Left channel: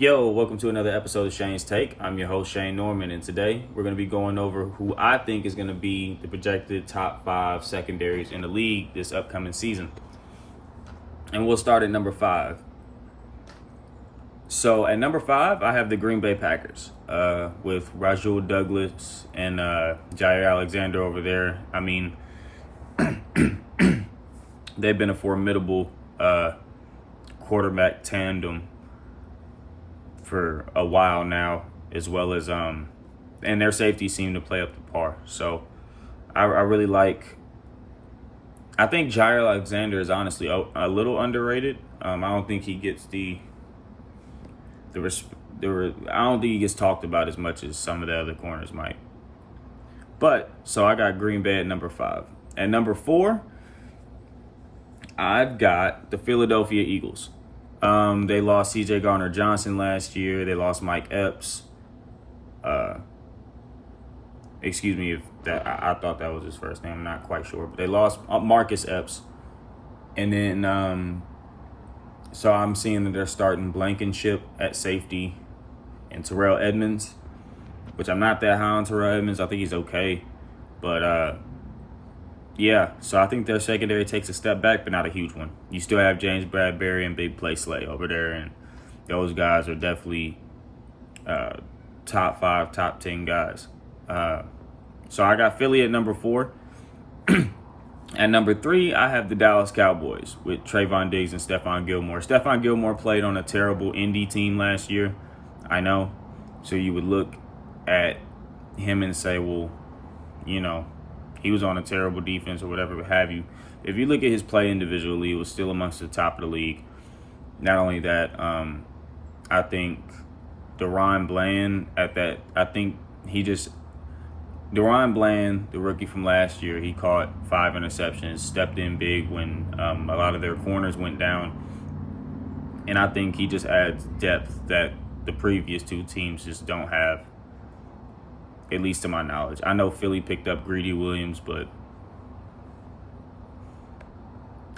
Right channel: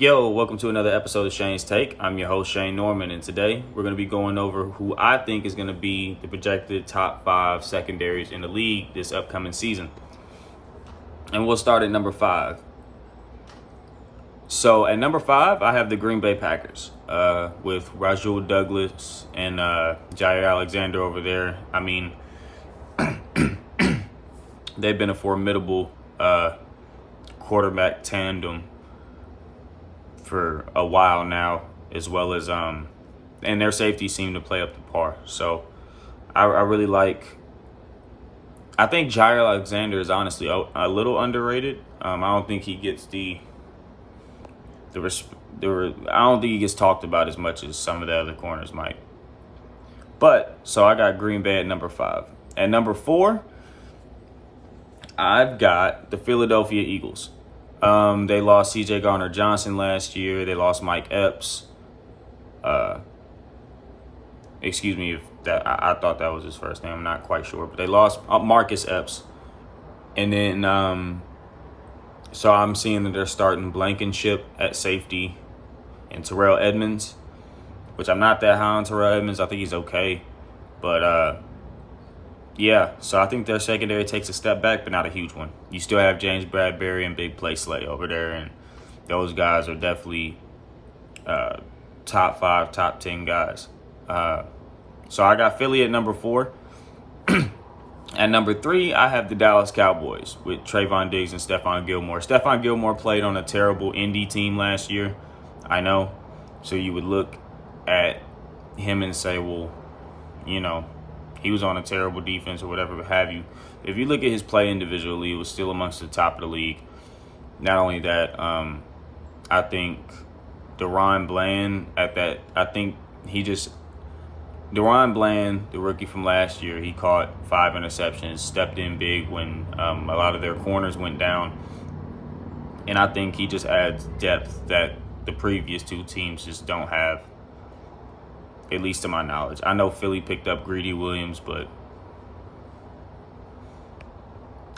Yo, welcome to another episode of Shane's Take. I'm your host, Shane Norman, and today we're going to be going over who I think is going to be the projected top 5 secondaries in the league this upcoming season. And we'll start at number 5. So at number 5, I have the Green Bay Packers with Rasul Douglas and Jair Alexander over there. I mean, they've been a formidable quarterback tandem for a while now, as well as and their safeties seem to play up to par. So I really like. I think Jair Alexander is honestly a little underrated. I don't think he gets I don't think he gets talked about as much as some of the other corners might. But so I got Green Bay at number 5. At number 4, I've got the Philadelphia Eagles. They lost C.J. Gardner-Johnson last year. They lost Mike Epps. Excuse me if that I thought that was his first name. I'm not quite sure, but they lost Marcus Epps. And then so I'm seeing that they're starting Blankenship at safety and Terrell Edmonds, which I'm not that high on Terrell Edmonds. I think he's okay, but yeah, so I think their secondary takes a step back, but not a huge one. You still have James Bradbury and Big Play Slay over there, and those guys are definitely top 5, top 10 guys. So I got Philly at number 4. At number 3, I have the Dallas Cowboys with Trayvon Diggs and Stephon Gilmore. Stephon Gilmore played on a terrible Indy team last year, I know. So you would look at him and say, well, you know, he was on a terrible defense or whatever have you. If you look at his play individually, it was still amongst the top of the league. Not only that, I think DaRon Bland DaRon Bland, the rookie from last year, he caught 5 interceptions, stepped in big when a lot of their corners went down. And I think he just adds depth that the previous 2 teams just don't have, at least to my knowledge. I know Philly picked up Greedy Williams, but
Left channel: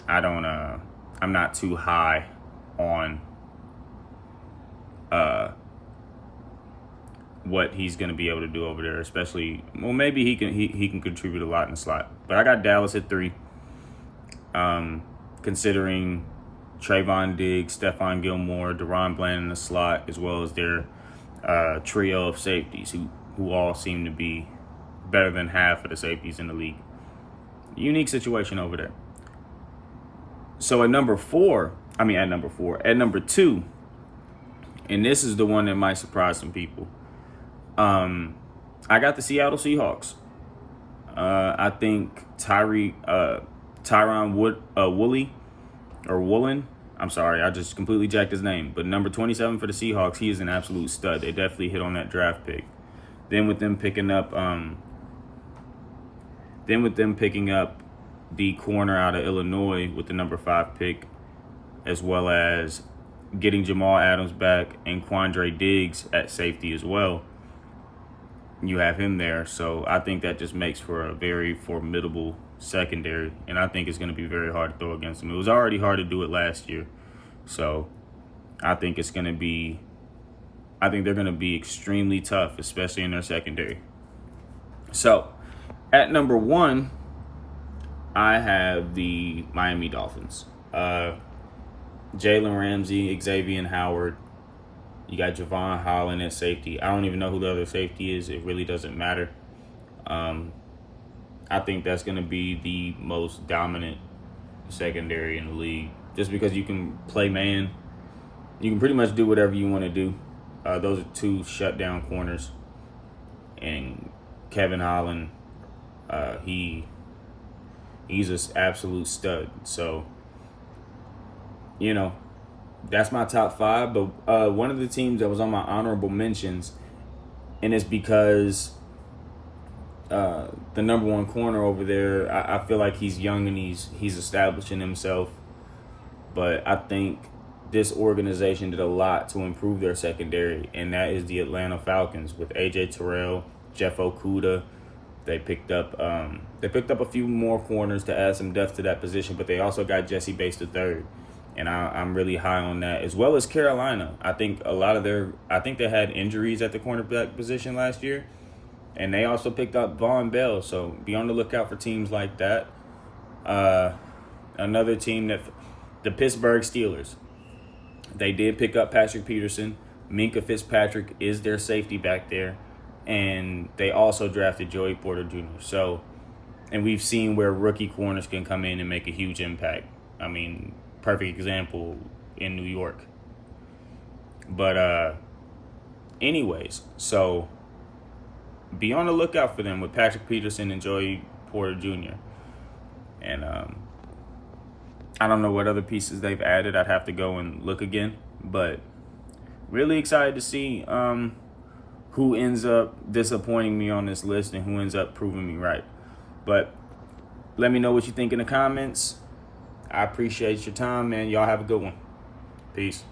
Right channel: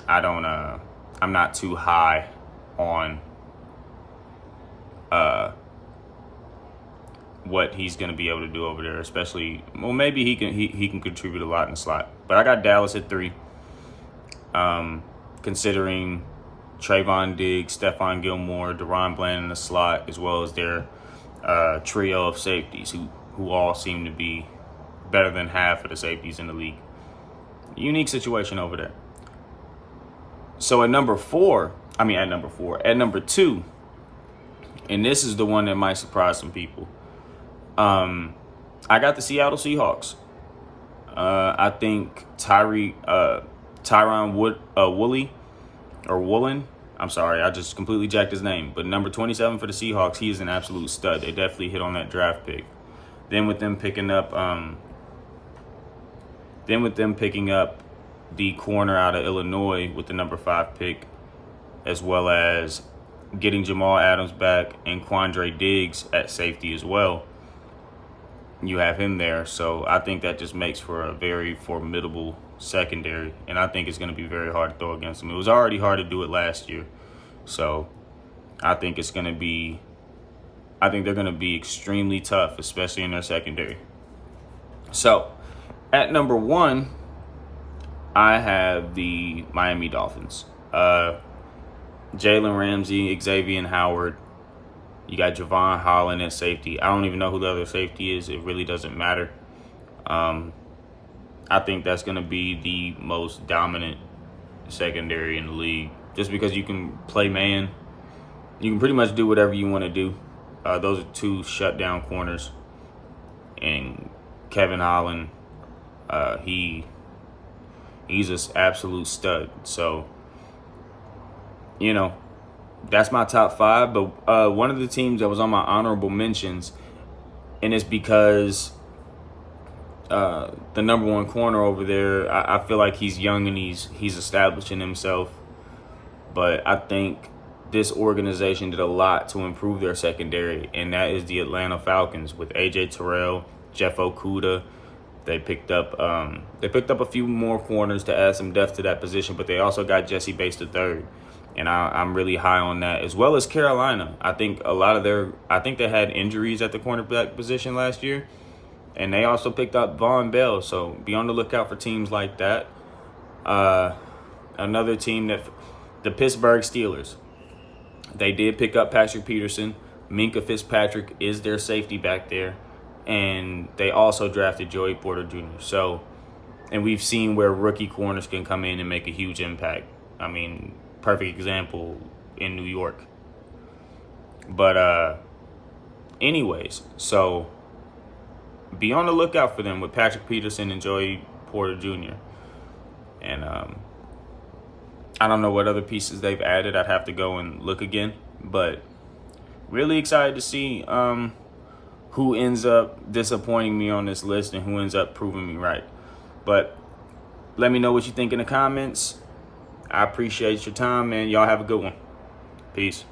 I'm not too high on what he's going to be able to do over there, especially, well, maybe he can contribute a lot in the slot. But I got Dallas at 3, considering Trayvon Diggs, Stephon Gilmore, DaRon Bland in the slot, as well as their trio of safeties who all seem to be better than half of the safeties in the league. Unique situation over there. So at number 2, and this is the one that might surprise some people, I got the Seattle Seahawks. I think Tyron Woolen. I'm sorry, I just completely jacked his name. But number 27 for the Seahawks, he is an absolute stud. They definitely hit on that draft pick. Then with them picking up the corner out of Illinois with the number 5 pick, as well as getting Jamal Adams back and Quandre Diggs at safety as well. You have him there, so I think that just makes for a very formidable secondary, and I think it's going to be very hard to throw against them. It was already hard to do it last year, so I think they're going to be extremely tough, especially in their secondary. So at number 1, I have the Miami Dolphins. Jalen Ramsey, Xavier Howard. You got Javon Holland at safety. I don't even know who the other safety is. It really doesn't matter. I think that's going to be the most dominant secondary in the league. Just because you can play man. You can pretty much do whatever you want to do. Those are 2 shutdown corners. And Kevin Holland, he's an absolute stud. So, you know, that's my top 5. But one of the teams that was on my honorable mentions, and it's because the number 1 corner over there, I feel like he's young and he's establishing himself. But I think this organization did a lot to improve their secondary, and that is the Atlanta Falcons with A.J. Terrell, Jeff Okudah. They picked up a few more corners to add some depth to that position, but they also got Jesse Bates III. And I'm really high on that, as well as Carolina. I think they had injuries at the cornerback position last year, and they also picked up Von Bell. So be on the lookout for teams like that. Another team the Pittsburgh Steelers. They did pick up Patrick Peterson. Minka Fitzpatrick is their safety back there. And they also drafted Joey Porter Jr. So, and we've seen where rookie corners can come in and make a huge impact. I mean, perfect example in New York. But anyways, so be on the lookout for them with Patrick Peterson and Joey Porter Jr. And I don't know what other pieces they've added. I'd have to go and look again. But really excited to see who ends up disappointing me on this list and who ends up proving me right. But let me know what you think in the comments. I appreciate your time, man. Y'all have a good one. Peace.